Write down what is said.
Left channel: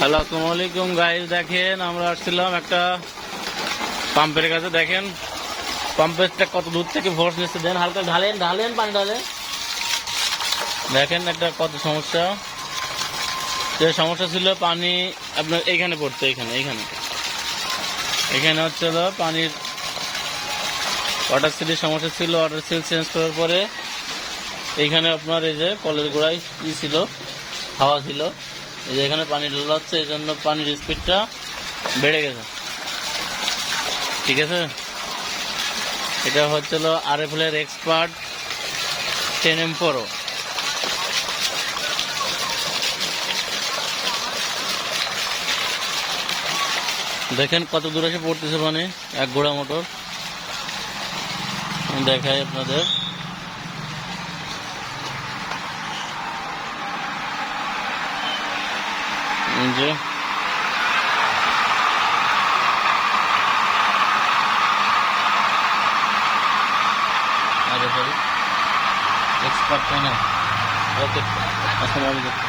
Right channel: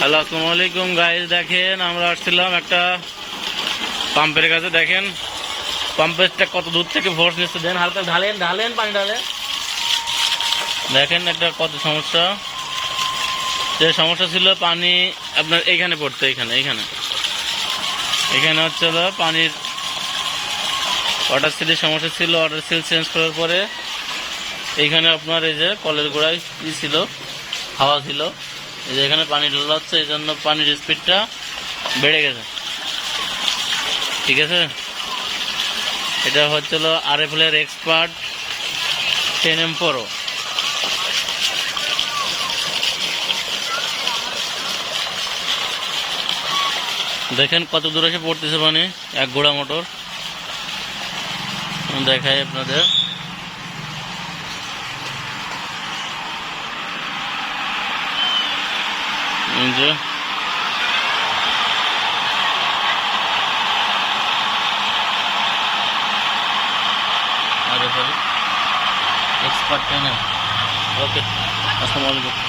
Hello, আসসালামু আলাইকুম guys. দেখেন আমরা আসছিলাম একটা পাম্পের কাছে। দেখেন পাম্পেরটা কত দূর থেকে ফোর্স নিচ্ছে। দেন হালকা ঢালেন ঢালেন পানি ঢালেন। দেখেন একটা কত সমস্যা। যে সমস্যা ছিল পানি আপনার এইখানে পড়তো, এইখানে এইখানে এখানে হচ্ছে হলো পানির ওয়াটার সিলের সমস্যা ছিল। ওয়াটার সিল চেঞ্জ করার পরে এইখানে আপনার এই যে কলের গোড়ায় ই ছিল, হাওয়া ছিল, এই যে এখানে পানি ঢালা হচ্ছে, এই জন্য পানির স্পিডটা বেড়ে গেছে। ঠিক আছে, এটা হচ্ছিল RFL এর এক্সপার্ট 10M Pro। দেখেন কত দূর এসে পড়তেছে পানি, এক ঘোড়া মোটর। দেখাই আপনাদের, এই যে RFL এক্সপার্ট 10M। ওকে, আসসালামু আলাইকুম।